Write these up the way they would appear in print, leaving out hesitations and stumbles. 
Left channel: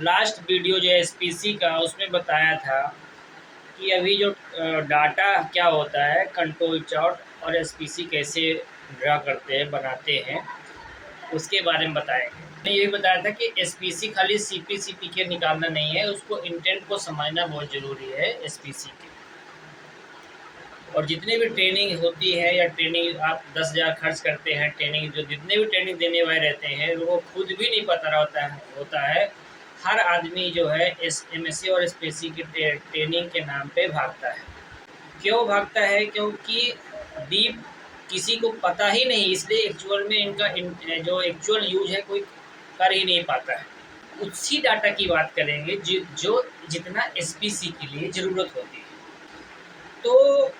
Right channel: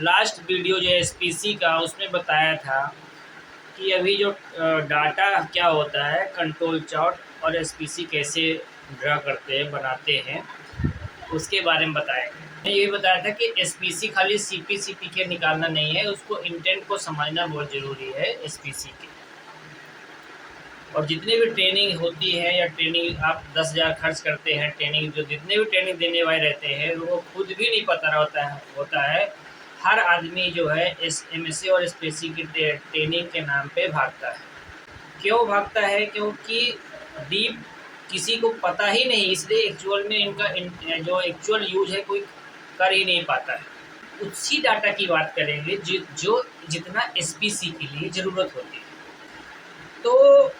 Last video जो है SPC का, उसमें बताया था कि अभी जो डाटा क्या होता है, कंट्रोल चार्ट और एसपीसी कैसे ड्रा करते हैं, बनाते हैं, उसके बारे में बताएंगे। मैंने ये भी बताया था कि एसपीसी खाली सीपी के निकालना नहीं है, उसको इंटेंट को समझना बहुत ज़रूरी है एसपीसी के। और जितनी भी ट्रेनिंग होती है या ट्रेनिंग आप 10,000 खर्च करते हैं, ट्रेनिंग जो जितने भी ट्रेनिंग देने वाले रहते हैं वो खुद भी नहीं पता होता है। हर आदमी जो है एमएससी और एसपीसी की ट्रेनिंग के नाम पे भागता है। क्यों भागता है? क्योंकि डीप किसी को पता ही नहीं, इसलिए एक्चुअल में इनका जो एक्चुअल यूज है कोई कर ही नहीं पाता है। उसी डाटा की बात करेंगे जो जितना एसपीसी के लिए ज़रूरत होती है। तो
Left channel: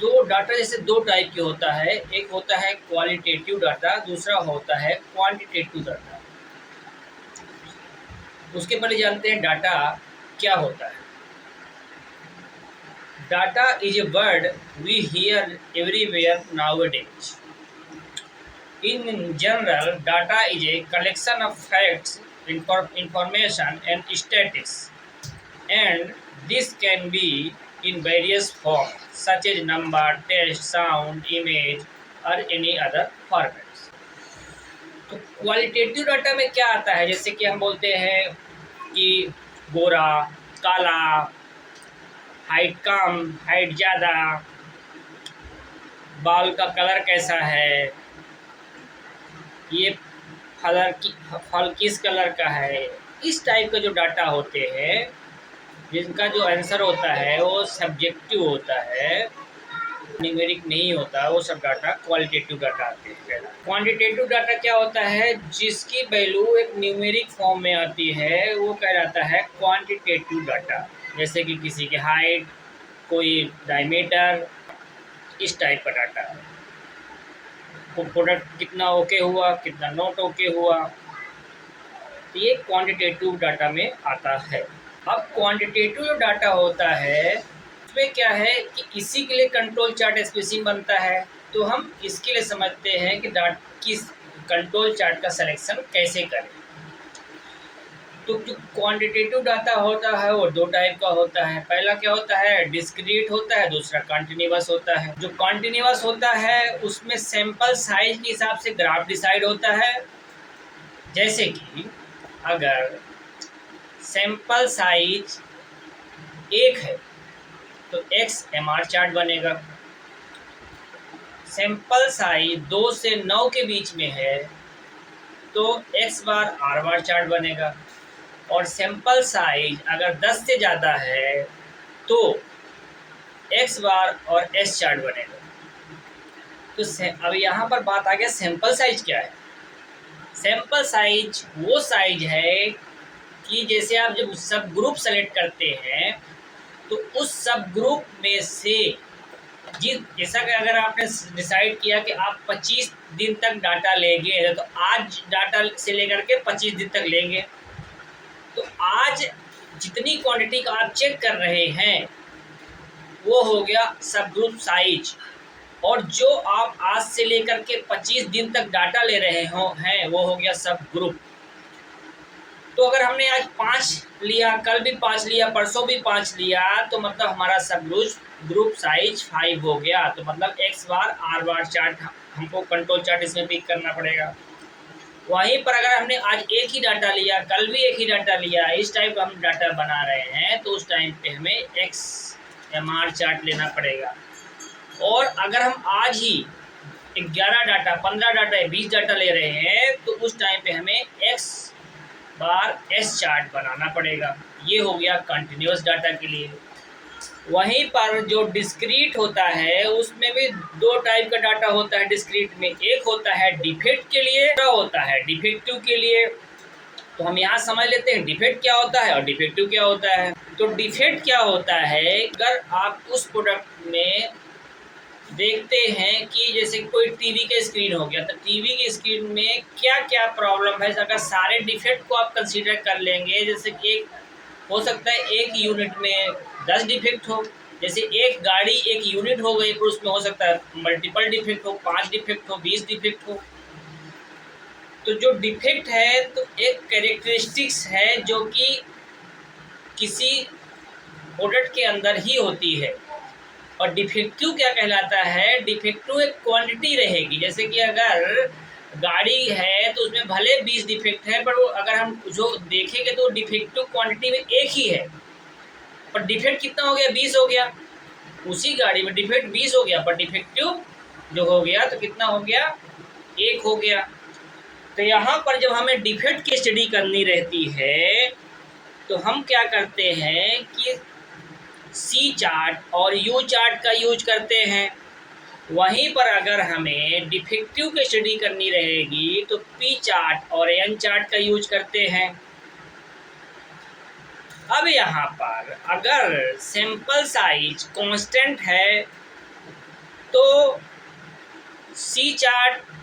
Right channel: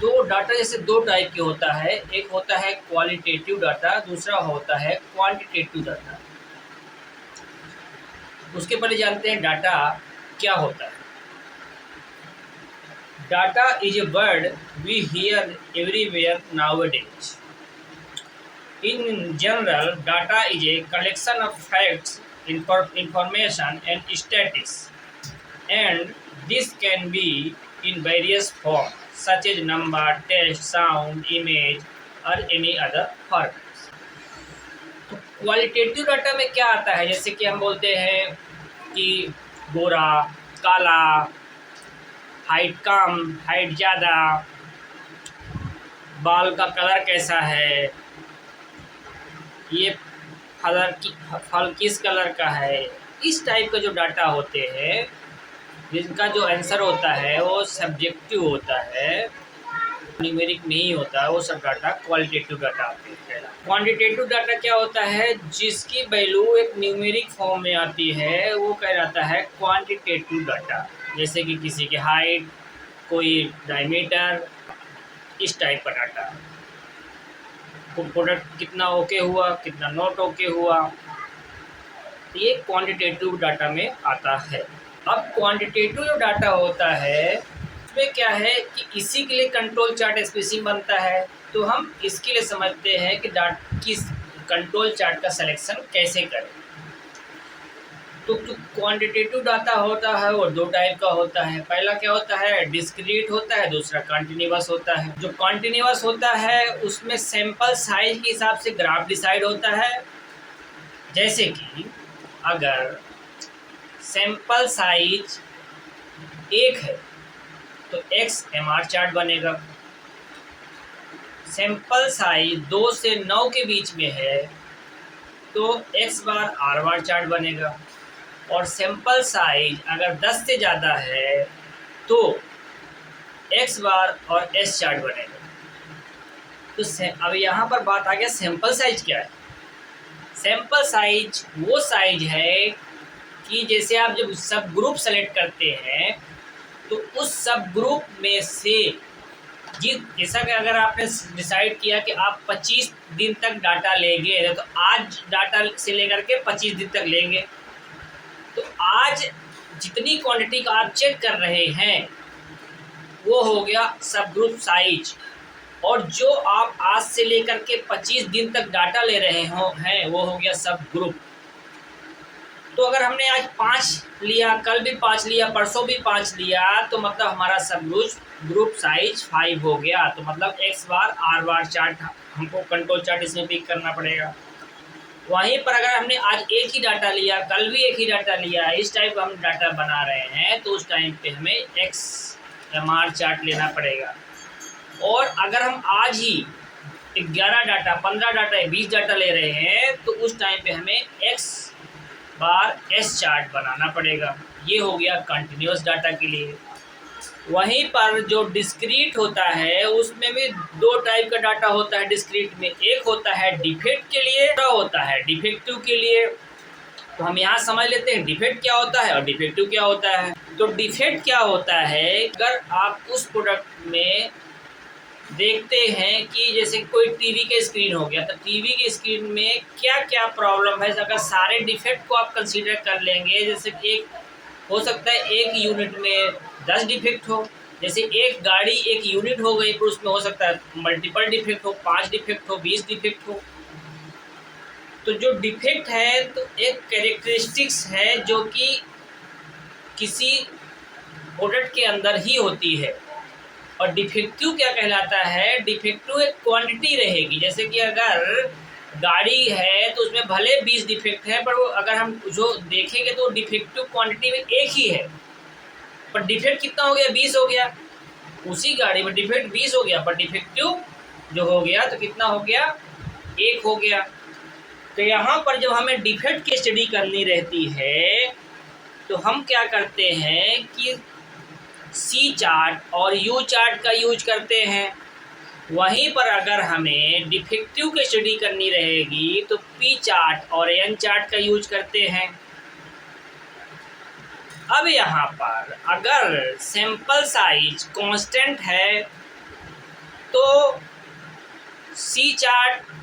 दो डाटा जैसे दो टाइप के होता है, एक होता है क्वालिटेटिव डाटा, दूसरा होता है क्वांटिटेटिव डाटा। उसके पहले जानते हैं डाटा क्या होता है। Data is a word we hear everywhere nowadays. In general data is a collection of facts, information and statistics, and this can be in various forms such as number, text, sound, image or any other formats. तो qualitative data में क्या आता है? जैसे कि हम बोलते हैं कि गोरा, काला, हाइट कम, हाइट ज़्यादा, बाल का कलर कैसा है, ये फल किस कलर का है। इस टाइप का जो डाटा होते हैं, जिनका जो आंसर होता है वो सब्जेक्टिव होता है, न्यूमेरिक नहीं होता है, वो सब डाटा क्वालिटेटिव डाटा आते हैं। क्वांटिटेटिव डाटा क्या होता है? जिसकी वैल्यू एक न्यूमेरिक फॉर्म में आती है वो कहलाता है क्वांटिटेटिव डाटा। जैसे कि किसी की हाइट, कोई डायमीटर, इस टाइप का डाटा। प्रोडक्ट कितना ओके हुआ, कितना नॉट ओके हुआ, तो ये क्वांटिटेटिव डाटा में आता है। अब क्वांटिटेटिव जो डाटा होता है उसमें क्या है कि इसी के लिए कंट्रोल चार्ट एसपीसी बनता है। तो हम इसके लिए समझते हैं कि किस कंट्रोल चार्ट का सिलेक्शन कैसे करें। तो जो क्वांटिटेटिव डाटा होता है वो दो टाइप का होता है। पहला क्या होता है? डिस्क्रीट होता है, दूसरा कंटिन्यूअस होता है। जो कंटिन्यूअस होता है उसमें सैंपल साइज के हिसाब से ग्राफ डिसाइड होता है। जैसे कि अगर सैंपल साइज 1 है तो एक्स एमआर चार्ट बनेगा। सैंपल साइज 2 से 9 के बीच में है तो x bar are bar chart बनेगा। और सैंपल साइज अगर 10 से ज़्यादा है तो एक्स बार और एस चार्ट बनेगा। तो अब यहाँ पर बात आ गया सैंपल साइज क्या है। सैंपल साइज वो साइज है कि जैसे आप जब सब ग्रुप सेलेक्ट करते हैं तो उस सब ग्रुप में से जैसा कि अगर आपने डिसाइड किया कि आप 25 दिन तक डाटा लेंगे तो आज डाटा से लेकर के 25 दिन तक लेंगे, तो आज जितनी क्वांटिटी का आप चेक कर रहे हैं वो हो गया सब ग्रुप साइज। और जो आप आज से लेकर के 25 दिन तक डाटा ले रहे हैं वो हो गया सब ग्रुप। तो अगर हमने आज 5 लिया, कल भी 5 लिया, परसों भी 5 लिया, तो मतलब हमारा सब ग्रुप साइज 5 हो गया। तो मतलब x bar are bar chart हमको कंट्रोल चार्ट इसमें पिक करना पड़ेगा। वहीं पर अगर हमने आज एक ही डाटा लिया, कल भी एक ही डाटा लिया, इस टाइप का हम डाटा बना रहे हैं तो उस टाइम पे हमें एक्स एमआर चार्ट लेना पड़ेगा। और अगर हम आज ही 11 डाटा, 15 डाटा, 20 डाटा ले रहे हैं तो उस टाइम पे हमें एक्स बार एस चार्ट बनाना पड़ेगा। ये हो गया कंटिन्यूअस डाटा के लिए। वहीं पर जो डिस्क्रीट होता है उसमें भी दो टाइप का डाटा होता है। डिस्क्रीट में एक होता है डिफेक्ट के लिए, दूसरा होता है डिफेक्टिव के लिए। तो हम यहाँ समझ लेते हैं डिफेक्ट क्या होता है और डिफेक्टिव क्या होता है। तो डिफेक्ट क्या होता है? अगर आप उस प्रोडक्ट में देखते हैं कि जैसे कोई टीवी का स्क्रीन हो गया, तो टीवी की स्क्रीन में क्या क्या प्रॉब्लम है, अगर सारे डिफेक्ट को आप कंसीडर कर लेंगे, जैसे कि एक हो सकता है एक यूनिट में 10 डिफेक्ट हो, जैसे एक गाड़ी एक यूनिट हो गई, पर उसमें हो सकता है मल्टीपल डिफेक्ट हो, 5 डिफेक्ट हो, 20 डिफेक्ट हो। तो जो डिफेक्ट है तो एक कैरेक्टरिस्टिक्स है जो कि एक कैरेक्टरिस्टिक्स है जो कि किसी प्रोडक्ट के अंदर ही होती है। और डिफेक्टिव क्या कहलाता है? डिफेक्टिव एक क्वांटिटी रहेगी। जैसे कि अगर गाड़ी है तो उसमें भले 20 डिफेक्ट है, पर वो अगर हम जो देखेंगे तो डिफेक्टिव क्वांटिटी में एक ही है, पर डिफेक्ट कितना हो गया? 20 हो गया। उसी गाड़ी में डिफेक्ट 20 हो गया, पर डिफेक्टिव जो हो गया तो कितना हो गया? 1 हो गया। तो यहाँ पर जब हमें डिफेक्ट की स्टडी करनी रहती है तो हम क्या करते हैं कि सी चार्ट और यू चार्ट का यूज करते हैं। वहीं पर अगर हमें डिफेक्टिव की स्टडी करनी रहेगी तो पी चार्ट और एन चार्ट का यूज करते हैं। अब यहाँ पर अगर सैंपल साइज कांस्टेंट है तो सी चार्ट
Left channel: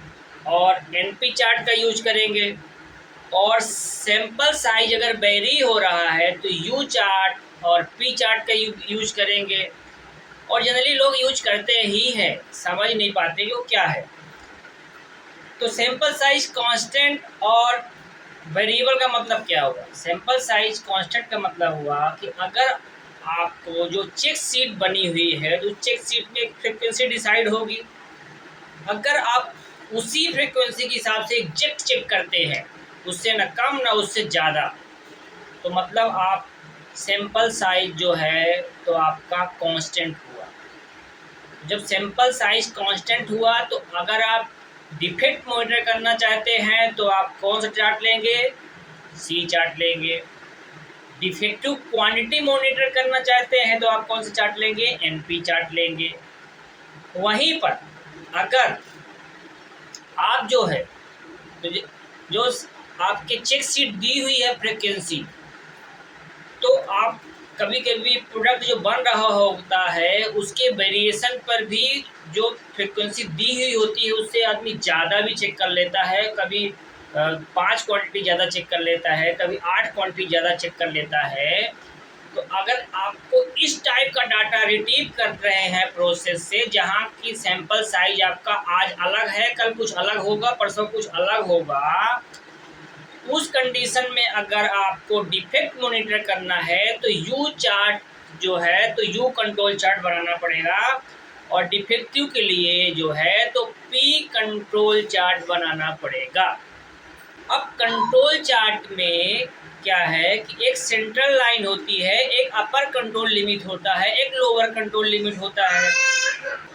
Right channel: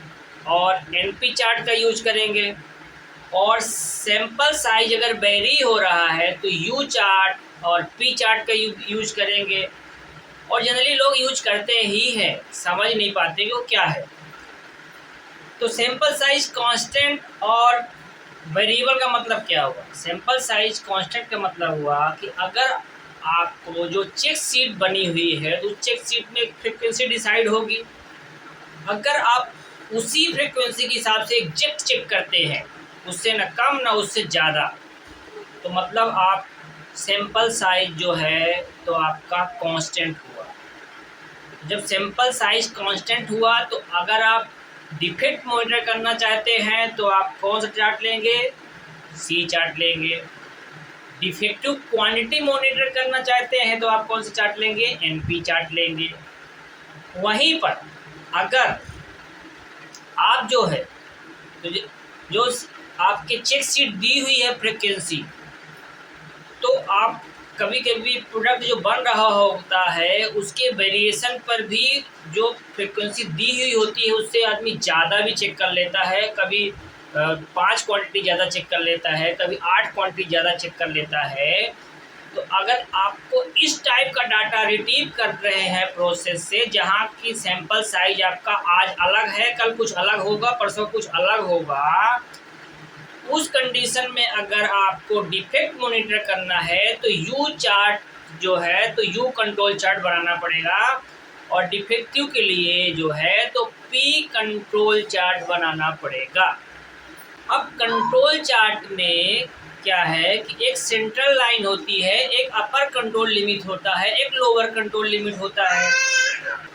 और एनपी चार्ट का यूज करेंगे, और सैंपल साइज अगर वेरी हो रहा है तो यू चार्ट और पी चार्ट का यूज करेंगे। और जनरली लोग यूज करते ही हैं, समझ नहीं पाते कि वो क्या है। तो सैंपल साइज कांस्टेंट और वेरिएबल का मतलब क्या हुआ? सैंपल साइज कांस्टेंट का मतलब हुआ कि अगर आपको जो चेक शीट बनी हुई है तो चेक शीट में एक फ्रिक्वेंसी डिसाइड होगी। अगर आप उसी फ्रिक्वेंसी के हिसाब से एग्जैक्ट चेक करते हैं, उससे न कम ना उससे ज़्यादा, तो मतलब आप सैंपल साइज जो है तो आपका कांस्टेंट हुआ। जब सैंपल साइज कांस्टेंट हुआ तो अगर आप डिफेक्ट मॉनिटर करना चाहते हैं तो आप कौन सा चार्ट लेंगे? सी चार्ट लेंगे। डिफेक्टिव क्वांटिटी मॉनिटर करना चाहते हैं तो आप कौन सा चार्ट लेंगे? एनपी चार्ट लेंगे। वहीं पर अगर आप जो है तो जो आपके चेक शीट दी हुई है फ्रिक्वेंसी, तो आप कभी कभी प्रोडक्ट जो बन रहा होता है उसके वेरिएशन पर भी जो फ्रिक्वेंसी दी हुई होती है उससे आदमी ज़्यादा भी चेक कर लेता है। कभी 5 क्वांटिटी ज़्यादा चेक कर लेता है, कभी 8 क्वांटिटी ज़्यादा चेक कर लेता है। तो अगर आपको इस टाइप का डाटा रिट्रीव कर रहे हैं प्रोसेस से, जहाँ की सैंपल साइज आपका आज अलग है, कल कुछ अलग होगा, परसों कुछ अलग होगा, उस कंडीशन में अगर आपको डिफेक्ट मॉनिटर करना है तो यू चार्ट जो है तो यू कंट्रोल चार्ट बनाना पड़ेगा, और डिफेक्टिव के लिए जो है तो पी कंट्रोल चार्ट बनाना पड़ेगा। अब कंट्रोल चार्ट में क्या है कि एक सेंट्रल लाइन होती है, एक अपर कंट्रोल लिमिट होता है, एक लोअर कंट्रोल लिमिट होता है।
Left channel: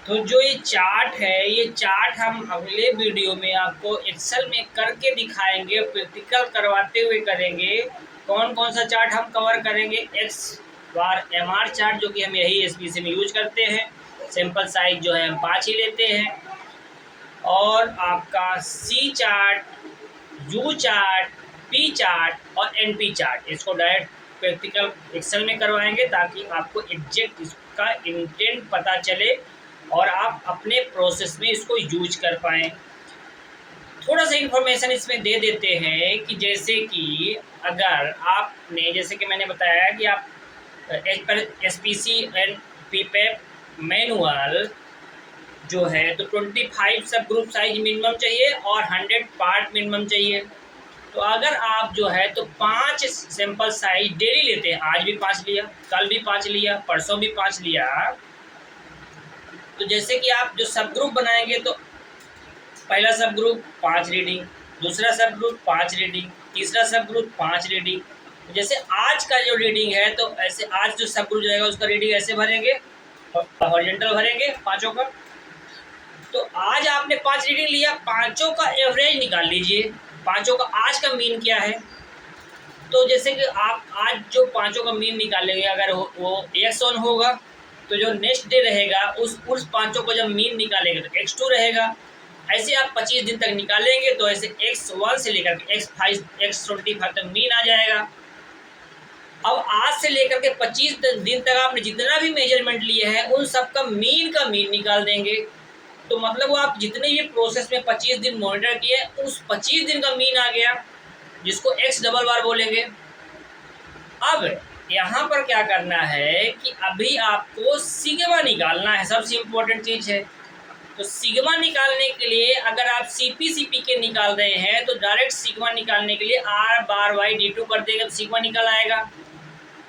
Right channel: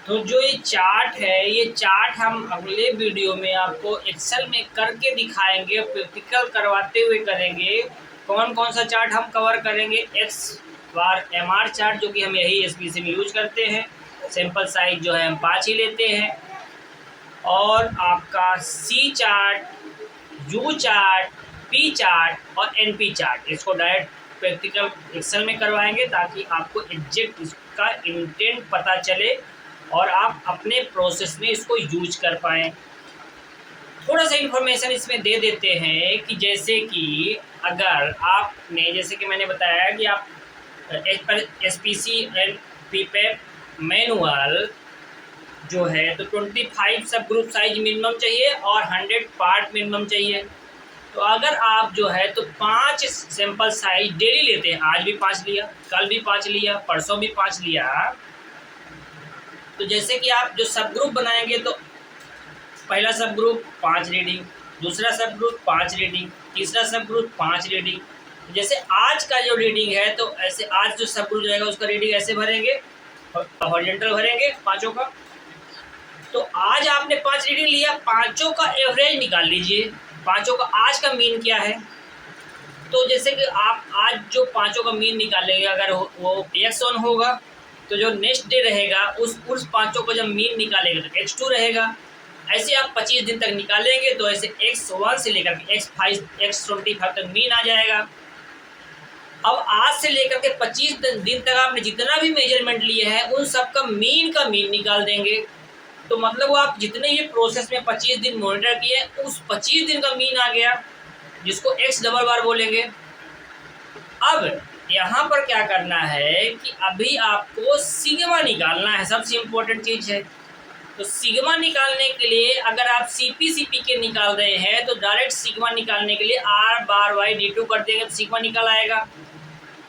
तो जो ये चार्ट है, ये चार्ट हम अगले वीडियो में आपको एक्सेल में करके दिखाएंगे, प्रैक्टिकल करवाते हुए करेंगे। कौन कौन सा चार्ट हम कवर करेंगे? एक्स बार एम आर चार्ट, जो कि हम यही एसपीसी में यूज करते हैं। सैंपल साइज जो है हम 5 ही लेते हैं। और आपका C chart, U chart, P chart और एनपी चार्ट, इसको डायरेक्ट प्रैक्टिकल एक्सेल में करवाएंगे ताकि आपको एग्जैक्ट इसका इंटेंट पता चले और आप अपने प्रोसेस में इसको यूज कर पाएँ। थोड़ा सा इन्फॉर्मेशन इसमें दे देते हैं कि जैसे कि अगर आपने, जैसे कि मैंने बताया कि आप एसपीसी एंड पीपैप मैनुअल जो है तो 25 सब ग्रुप साइज मिनिमम चाहिए और 100 पार्ट मिनिमम चाहिए। तो अगर आप जो है तो 5 सैंपल साइज डेली लेते हैं, आज भी 5 लिया, कल भी 5 लिया, परसों भी 5 लिया, तो जैसे कि आप जो सब ग्रुप बनाएंगे तो पहला सब ग्रुप 5 रीडिंग, दूसरा सब ग्रुप 5 रीडिंग, तीसरा सब ग्रुप 5 रीडिंग। जैसे आज का जो रीडिंग है तो ऐसे आज जो सब ग्रुप जाएगा उसका रीडिंग ऐसे भरेंगे, हॉरिजॉन्टल भरेंगे पाँचों का। तो आज आपने 5 रीडिंग लिया, पाँचों का एवरेज निकाल लीजिए, पाँचों का आज का मीन क्या है। तो जैसे कि आप आज जो पाँचों का मीन निकालेंगे, अगर वो x1 होगा तो जो नेक्स्ट डे रहेगा उस पाँचों को जब मीन निकालेंगे तो x2 रहेगा। ऐसे आप 25 दिन तक निकालेंगे तो ऐसे x1 से लेकर के x5 x25 तक मीन आ जाएगा। अब आज से लेकर के 25 दिन तक आपने जितना भी मेजरमेंट लिए हैं उन सब का मीन निकाल देंगे। तो मतलब वो आप जितने ये प्रोसेस में 25 दिन मॉनिटर किए उस 25 दिन का मीन आ गया, जिसको x डबल बार बोलेंगे। अब यहाँ पर क्या करना है कि अभी आपको सिग्मा निकालना है, सबसे इम्पोर्टेंट चीज़ है। तो सिग्मा निकालने के लिए अगर आप CP के निकाल रहे हैं तो डायरेक्ट सिग्मा निकालने के लिए R बार वाई D2 कर देंगे तो सिग्मा निकल आएगा।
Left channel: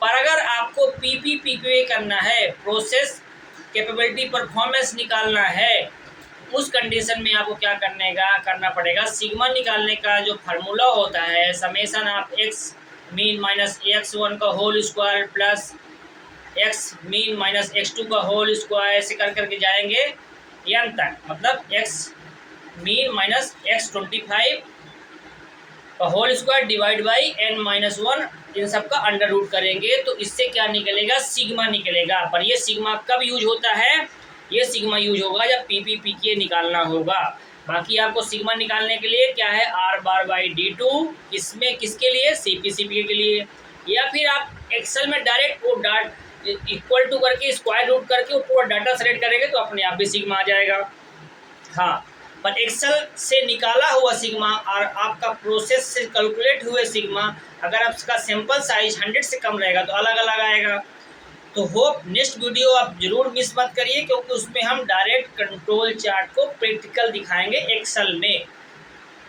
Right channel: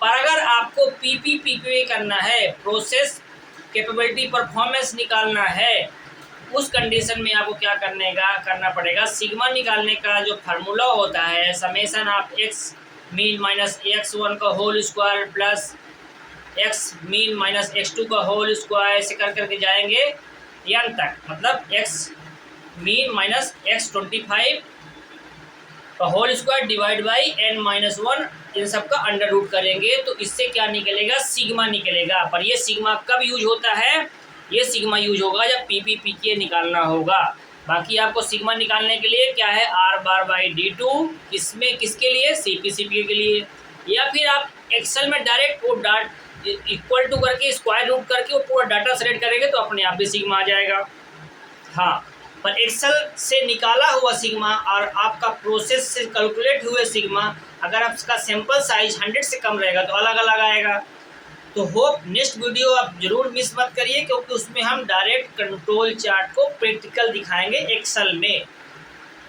पर अगर आपको PP करना है, प्रोसेस कैपेबिलिटी परफॉर्मेंस निकालना है, उस कंडीशन में आपको क्या करना पड़ेगा, सिग्मा निकालने का जो फार्मूला होता है summation of x mean minus x1 का whole square plus x mean minus x2 का होल स्क्वायर ऐसे करके जाएंगे n तक, मतलब x मीन माइनस x25 का whole square divide by n-1, इन सब का अंडर रूट करेंगे तो इससे क्या निकलेगा, सिग्मा निकलेगा। पर ये सिग्मा कब यूज होता है, ये सिग्मा यूज होगा जब PP निकालना होगा। बाकी आपको सिग्मा निकालने के लिए क्या है, R बार बाई D2, इसमें किसके लिए, CP के लिए। या फिर आप एक्सेल में डायरेक्ट वो इक्वल टू करके स्क्वायर रूट करके वो पूरा डाटा सेलेक्ट करेंगे तो अपने आप भी सिग्मा आ जाएगा। हाँ, पर एक्सेल से निकाला हुआ सिग्मा और आपका प्रोसेस से कैलकुलेट हुए सिग्मा, अगर आपका सैंपल साइज 100 से कम रहेगा तो अलग अलग आएगा। तो होप नेक्स्ट वीडियो आप जरूर मिस मत करिए, क्योंकि उसमें हम डायरेक्ट कंट्रोल चार्ट को प्रैक्टिकल दिखाएंगे एक्सेल में,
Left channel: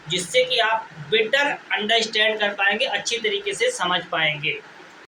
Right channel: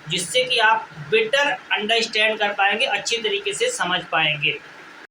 जिससे कि आप बेटर अंडरस्टैंड कर पाएंगे, अच्छी तरीके से समझ पाएंगे।